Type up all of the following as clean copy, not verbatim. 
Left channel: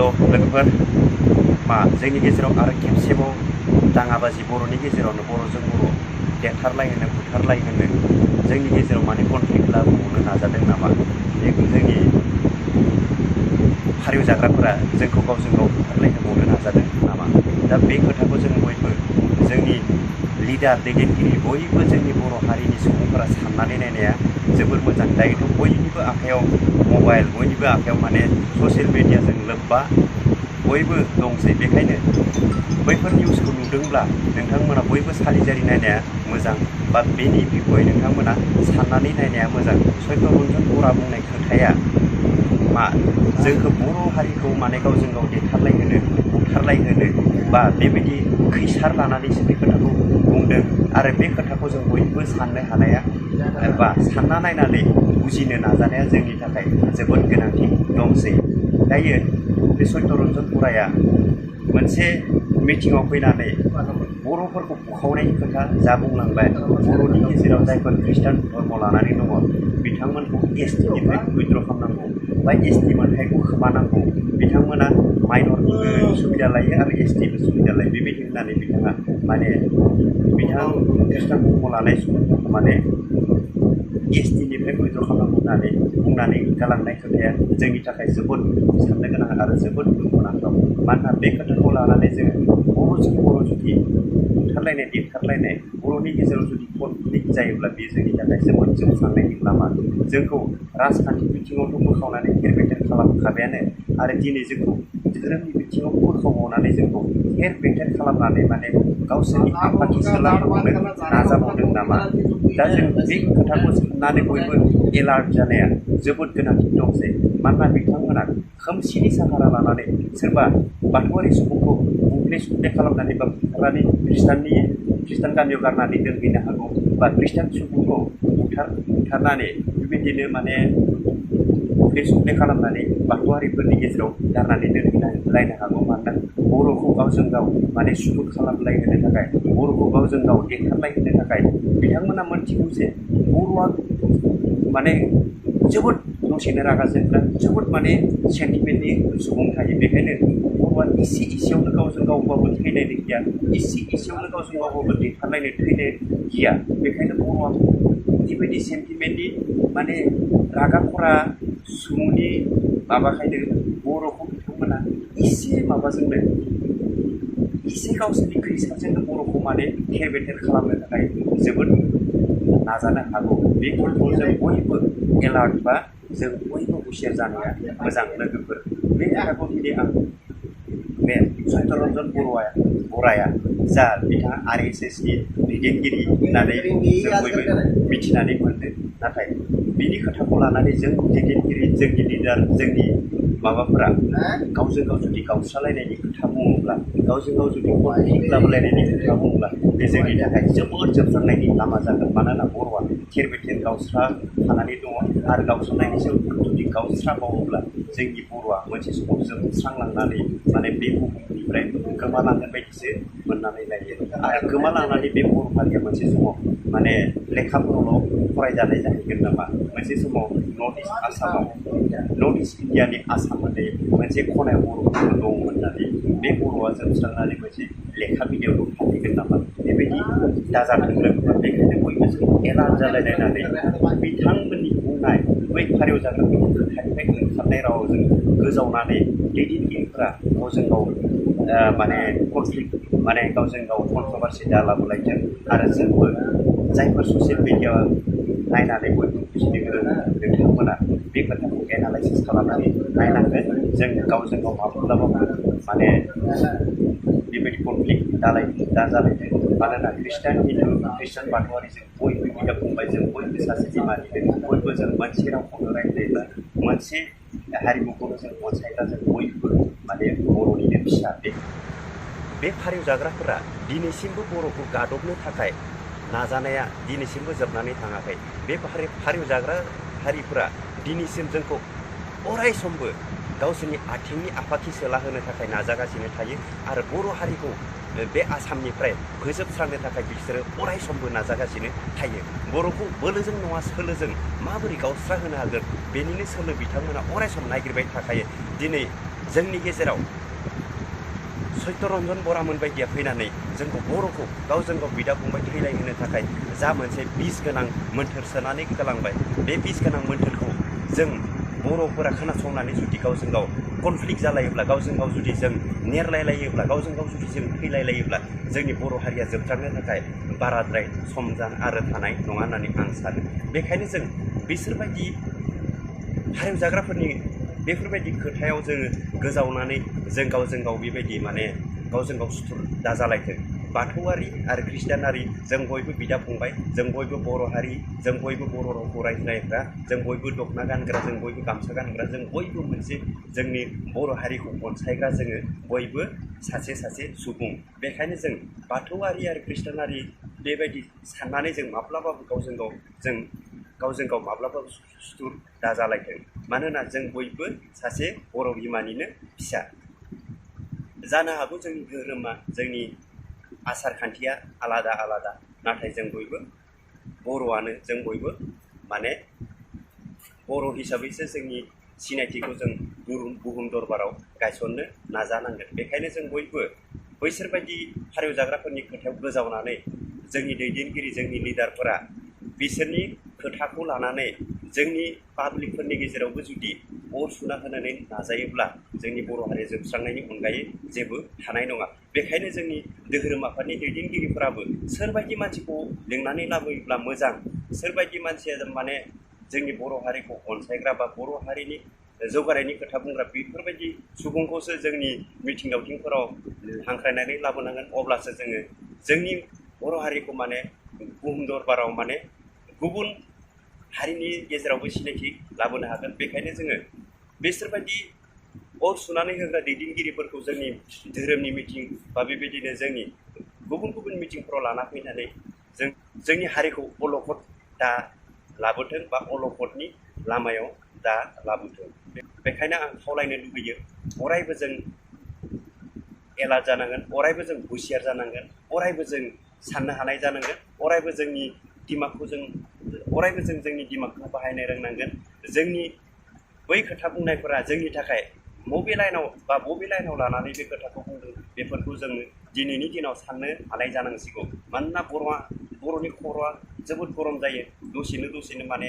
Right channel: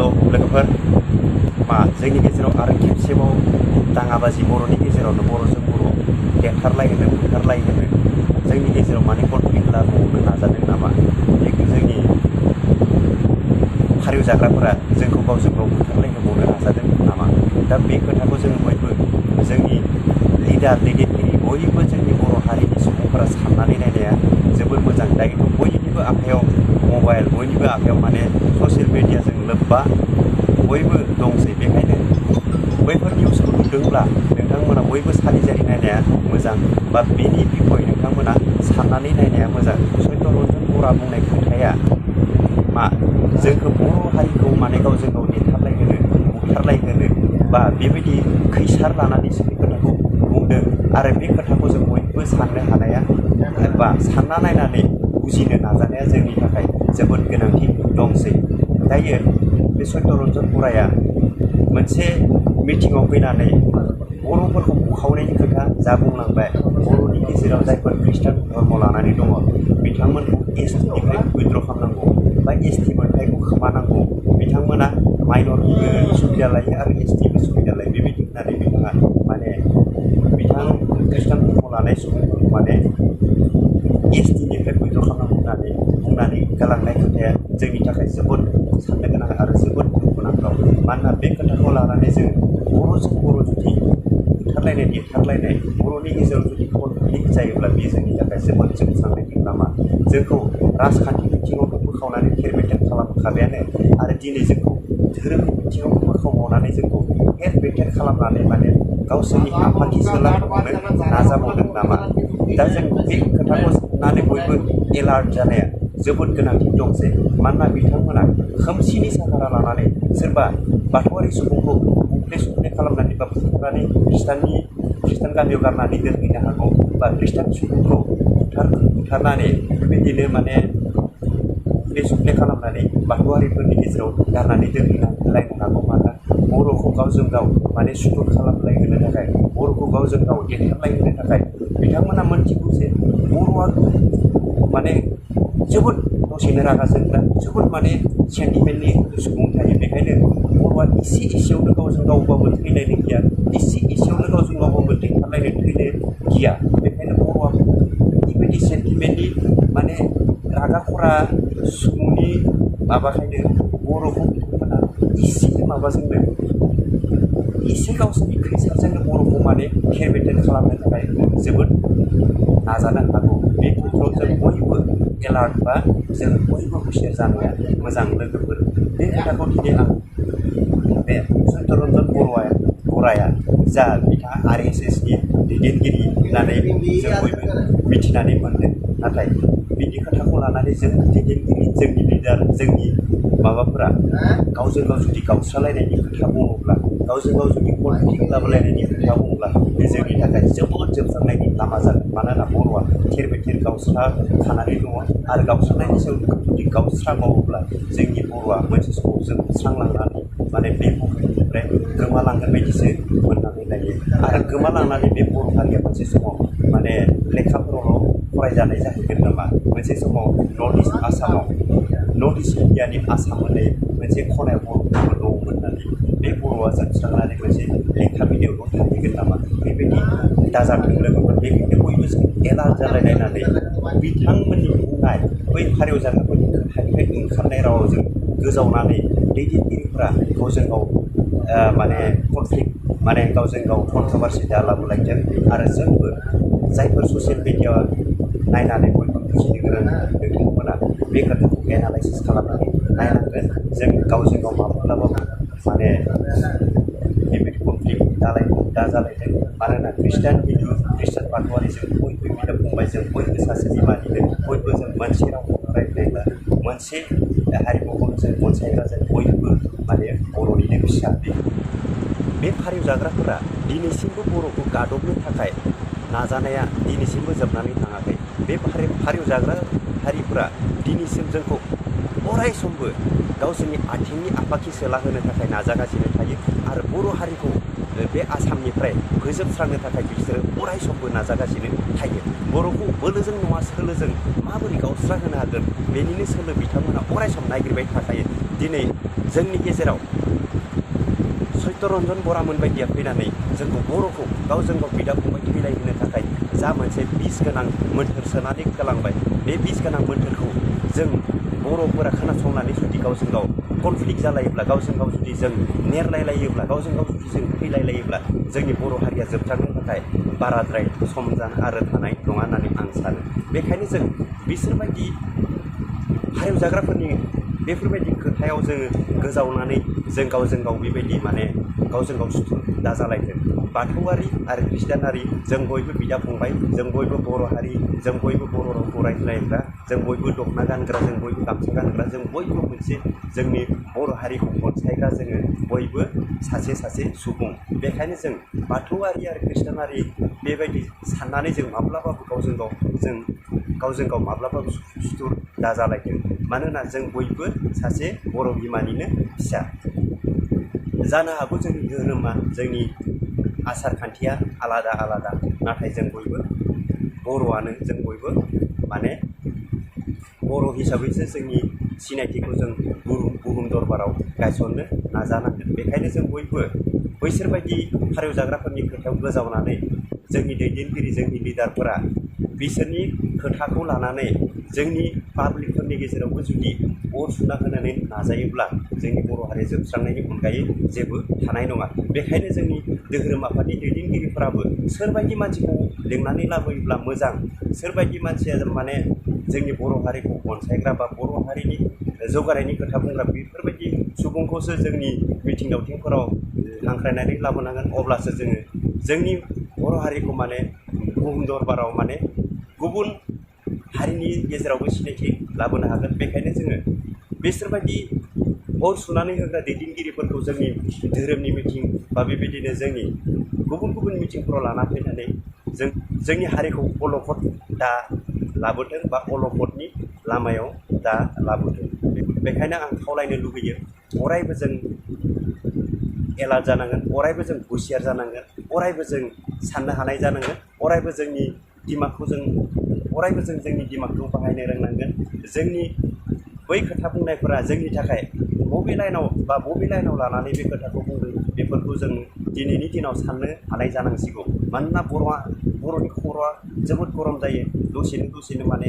हेल' लोगोफोर मा जोंनि गेजेराव आरो खेबसेबाव दाङाबाजि बर'नि गेजेरावनो बर'जों बर' देरथारलायहोनो बुथारलायहोनो जोंनि गेजेराव माने कनफ्लिक्ट लाबोनो नाजादों नामा जोंनि हारिव जाग्राफोरा जोंखौ गावजों गाव बुथारलायहोबावनो नाजादों नामा दा बे खोथाखौ जोङो बयबो जोंनि लिडार दैदेनगिरि बयबो जोंनि बर' हारिनि सुबुंफोरा साननानै नायनाया जोबोर मोजां दायोथ' बयनिबो आखायाव मबाइल बयनिबो आखायाव माने ससियेल मिडियाजों लोब्बा बयबो दंसै बेखायनो बैफोर निउसखौ नुदोंब्ला नोंथांमोना बयबो सालिजारि नायनाया मोजां बा बेनि बिखय नोंथांमोना साननानै नायनाया मोजां सत्यरन्जन बर'आ बुंनाय खोथाया मा जोंखौ बर' हारिखौ माने गावजों गाव देथारलायहोनो बुथारलायहोनो बा बेबायदि खैसार लानानैसो बे खोथाखौ बुंदों आरो बे खोथाखौ जों बयबो साननो हानाया बा सानना नायनानै बुजिनो नाजानाया जोंनि थाखाय जोबोद गोनांथि दंसै दायो बे सत्यरन्जन बर'आ मोनसे मिटिङाव फैनानै बर'फोरखौ बुखावनायनि खोथा जा बुंलांबाय बर'नि गेजेराव जायफोर खृष्टान धर्म लानानै दङ बिथांमोनखौ एसटिनिफ्राय उइद्र' खालामनांगौ बा एसटि मोनथायखौ खोमानांगौ बिथांमोना माइनरनिबो सुबिदा लायो आरो एसटिबो सुबिदा लायो बेबायदि होननानै बिथाङा माने बिथां खृष्टान धर्म लानाय सुबुंफोरखौ माने एसटिनिफ्राय उइद्र' खालामनांगौ होननानै बुंनानै गालांनाय खोथाया जोंनि थाखाय जोबोद साननो गोनां आरो जोबोद दुखुनांथाव मानोना बे खोथाखौ लानानै जोङो बर'जों बर' जुदि बुथारलायनाय देथारलायनाय बर'नि गेजेराव जुदि कनफ्लिक्ट जायोब्ला बेयो जोंनि थाखाय जोबोद जोबस्रांनायनि लामा जोंखौ राजखान्थि बिथिङावथ' बोखावनानै थेर बेथेर खालामखाबायानो आरो दिनै जोंखौ धोरोमनि बिथिङाव बोखावबावनानै जोंखौ थेर बेथेर खालामनानै माने गावसोरनि आफाथि सोलायहोबावनो नाजाबावदों नामा दा जों बे खोथाखौ साननानै बयबो एलार्ट जानाया जोबोद गोनांथि दंसै मानोना बिथांमोना खोमसिनि साहारा लानानै सोरबा बाथौआरि सुबुंखौ बुफ्ले सुफ्ले खालामनानै बा बुथारनानै खृष्टान गामियाव गारनानै दोनहैनो हागौ बा खृष्टान सुबुंखौ बुथारनानै बेबायदिनो माने बुफ्ले सुफ्ले खालामनानै बाथौआरिफोरनि गेजेराव गारनानै दोनहैलायनो हागौ मानोना बर'खौ गावजों गाव माने सुथुर खालामलायहोनो थाखाय बर'खौ गावजों गाव देथारलायहोनो थाखाय बिथांमोना मोनथिगौ जे बर'आ माने जोबोद दसेनो रागा जोंग्रा जोबोद माने सेन्टिमेन्टनि सुबुं थायो बेखायनो बर'आ इसे इसेयावनो गावजों गावबाबो थैलायनो गिया इसे इसेयावनो गावजों गावबाबो देथारलायनो थैनो गिया बेखायनो बर'आ बेबायदि सेन्टिमेन्टनि माने रागा खरा सुबुंनि माबाखायनो बर'खौ बिथांमोना इसे माबाजोंनो इसे गावसोरनि खैसारजोंनो बर'खौ माने थेर बेथेर खालामनो थाखाय जोबोद नाजानो हागौ बे खेत्रआव जों बयबो एलार्ट बा जों बयबो हुसियार जानाया मोजां लोगोफोर बे खोथाखौ दिनै आं बे सत्यरन्जन बर'आ जा बिथाङा RSSनि दैदेनगिरि होननानै जों बयबो मिथिनानै मोनदों नाथाय बिनि खोथाखौ लानानै जों दैदेनगिरि जोंनि लिडार जोंनि माबाफोरा गावजों गाव जुदि गावस्रालायनायनि खोथा बुङोब्ला गावजों गाव जुदि कनफ्लिक्ट लाबोलायनायनि खोथा बुङोब्ला बे जोंनि थाखाय जोबोद जोबस्रांनायनि लामा जागोन मानोना बर'आ थेर बेथेर गावस्राखानानै दङ आरो गावस्रानायनि सायाव जुदि गावस्राबावोब्ला जोंनि बर'आ मोनसे समाव जोबस्रांलांनानै माने बे बुहुमनिफ्राय गोमालांगोन बायदिसो मोननानै लायो आरो गोमालांनानै बे बर' हारिया मोनसे समाव माने लेखाफोरावल' फरायजानाय जाहैगोन नामा मोनसे समाव नर्थ इस्ट इण्डियानि आसाम होननाय मोनसे खनायाव बर'फोरबो दंमोन होननानै बे बर'आ जोबस्रांनानै मोनसे लेखा बिलाइयावल' थाहैगोन नामा बेबायदि दाजाथों लोगोफोर बेखायनो बयबो जों एलार्ट जालायलायनानै बिथांमोननि बुंनाय बै हारिव जाग्राफोरनि खोथानिफ्राय ओंखारनाय रावाव जों गोजावनानै दैदेनगिरिफोरा गावजों गाव माने कनफ्लिक्ट माने गावजों गाव कन्ट्रभारसि दालाबोलायथों आरो जोंबो जायफोर ससियेल मिडिया नायनानै बयबो बुजिनो गोरों नोंथांमोना बे खोथाखौ एनालाइसिस खालामनानै नायनांगोन जों गावजों गाव माब्लाबाबो माने बेबायदि कनफ्लिक्ट दाजालायथों मानोना खृष्टान हिन्दु खृष्टान बाथौआरि जों बयबो बिदा फंबाय जों बयबो सासे बिमानिनो बयबो जों मोनसे रावखौनो रायज्लायग्रा मोनसे हारिमुखौनो जों अनसायग्रा जों बयबो माने बर'निनो फिसा बे फारिव जाग्राफोरा दिनैसिमबो बर'खौ गादबनो थाखाय नाजानाया दिनैसिमबो जोबनानै थाङाखै बे फारिव जाग्रा हारिफोरा दिनैसिम जोंखौ अराय समबो गावसोरनि आथिंनि आफाखि सोलाहोनो थाखाय नाजागासिनो थायो आरो बर' हारिखौ बे आसामनिफ्राय फोजोबस्रांनो थाखाय बिसोरो अराय समबो नाजागासिनो थायो बर'खौ बोलोजों नङा सोलोजों माबोरै गावस्रा होनो हागोन बेनिनो सोलो बिथांमोना अराय सम नागिरबाय थाखायो दिनै जोंनि गेजेराव सत्यरन्जन बरामोन बायदिया फैनानै जोंखौ बर'खौ गावजों गाव बिदा फंबाय थैलायहोनो थाखाय जा मोनसे बिस गोनां मोन्थोर सोनानै गालांबाय, बे बिस गोनां मोन्थोरखौ जों बर'फोरा खोनासंनानै जुदि गावजों गाव कनफ्लिक्ट जालायोब्ला, गावजों गाव जुदि जों नेरलायलायोब्ला, गावजों गाव जुदि जों थैलायलायोब्ला जोंनि बर' हारिया जोबस्रांनो थाखाय बाराद्राय सम आरो थानाय नङा होननानै आं सानो। बेखायनो जों बिसोरबायदि हारिवजाग्राफोरनि बेफोरबायदि खोथायाव जोङो गोजावनानै जों गावजों गाव बेबायदि माने गावजों गाव सुथुर दाजालायथों। बाथौआरि आरो ख्रिस्टियानारि जों बयबो बिदा फंबाय, जों बयबो बर' हारि, जों बयबो बर' रावखौ रायज्लायग्रा, जों बयबो दख'ना गानग्रा, जों बयबो गामसा गानग्रा, जों बयबो मोनसे जोंनि बर' हारिखौ अनसायग्रा, जोङो बयबो सासे सासे सुबुं। बेखायनो जों बाथौआरि आरो ख्रिस्टियानारि बेबायदि साननानै जों माब्लाबाबो गावजों गाव माब्लाबाबो सुथुर दाजालायथों। मानोना जों बयबो सासे बर' बिमानिनो फिसा। जानो हागौ जोंनि धोरोमा, जोंनि आसार खान्थिया आलादा आलादा, नाथाय जों बयबो बर'आनो, जों बयबो माने बर' हिसाबैसो जोंनि सिनायथिखौ जों बुहुम दरबाराव गायसननो नाजानांगोन। बेखायनो जों बयबो बैसोरबायदि हारिवजाग्राफोरनि खोथायाव गोजावनानै जोंनि दैदेनगिरि, जोंनि लिडारफोरा बिसोरनि खोथाखौ लानानै जोंनि पाब्लिकफोरनि गेजेरावबो जुदि अर सुना होनानै नाजायोब्ला जोंनि बर' हारिया जोबस्रांनायनि अनगायै जेबो थानाय नङा। बेखायनो जोंनि धोरोम आफादनि दैदेनगिरिफोराबो सोरबायदि मानसिखौ लिंनानै लाबोयोब्ला मोजां, सोरबायदि मानसिया माने जोंनि बर' हारिखौ अनसायग्रा बा बर' हारिनि जौगानायनि खोथा बुंग्रा, बेफोरबायदि सुबुंखौसो जोंनि मिथिं दावथिंफोराव हांख्रायनानै लाबोनांगोन। अब्लासो जोङो जोंनि बर' हारिखौ माने बुहुम दरबाराव माने गुबुन हारिनि गेजेरावबो सिनायथि लाबोनो हागोन। बेखायनो जोङो बिसोरबायदि अर सुनानै होग्रा दैदेनगिरिफोरखौ जोंनि धोरोमनि मिथिं बा बेबायदिनो जोंनि गुबुन गुबुन मिथिंफोराव लाना फैनानै जोंनि हारिखौ अलखद दा लाबोथों बा अलखदनि लामायाव दा लाबोथों। बेखायनो आं खावलायनो लुबैयो, अरायबो जों एलार्ट जानांगोन, अरायबो जों हुसियार जानांगोन, अरायबो जों साननो हानाय जानांगोन, अरायबो जोंनि दिमागखौ बाहायनो रोंनांगोन। जोंनि बै खोथा बुंनायफोरा जोंनि थाखाय बबे लाइनाव लानानै बे खोथाखौ बुंदों, बेफोरखौ जों दिनैनि दिनाव साननो हानाय जानांसिगौ। मानोना बर'नि खर'आ जोबोद गरम जायो, दसेनो माने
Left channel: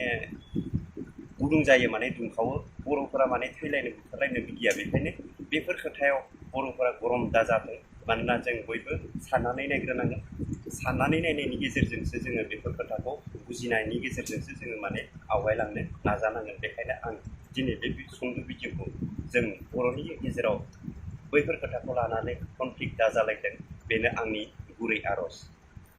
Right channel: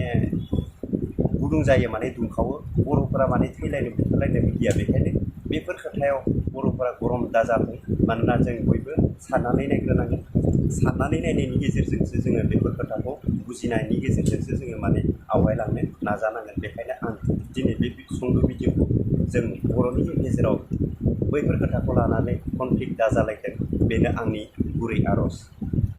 गुदुं जायो, माने दुंखावो। बर'फोरा माने थैलायनो बुथारलायनो गिया। बेखायनो बेफोर खोथायाव बर'फोरा गरम दाजाथों। मानोना जों बयबो साननानै नायग्रोनांगोन। साननानै नायनायनि गेजेरजोंसो जोङो बेफोर खोथाखौ बुजिनायनि गेजेरजोंसो जोङो माने आवगायलांनो नाजानांगोन। बेखायनो आं दिनै बे सुंद' भिडिअखौ जों बर'नि गेजेराव बैफोर खोथाखौ लानानै कनफ्लिक्ट दाजालायथों, बेनो आंनि गुरै आर'ज।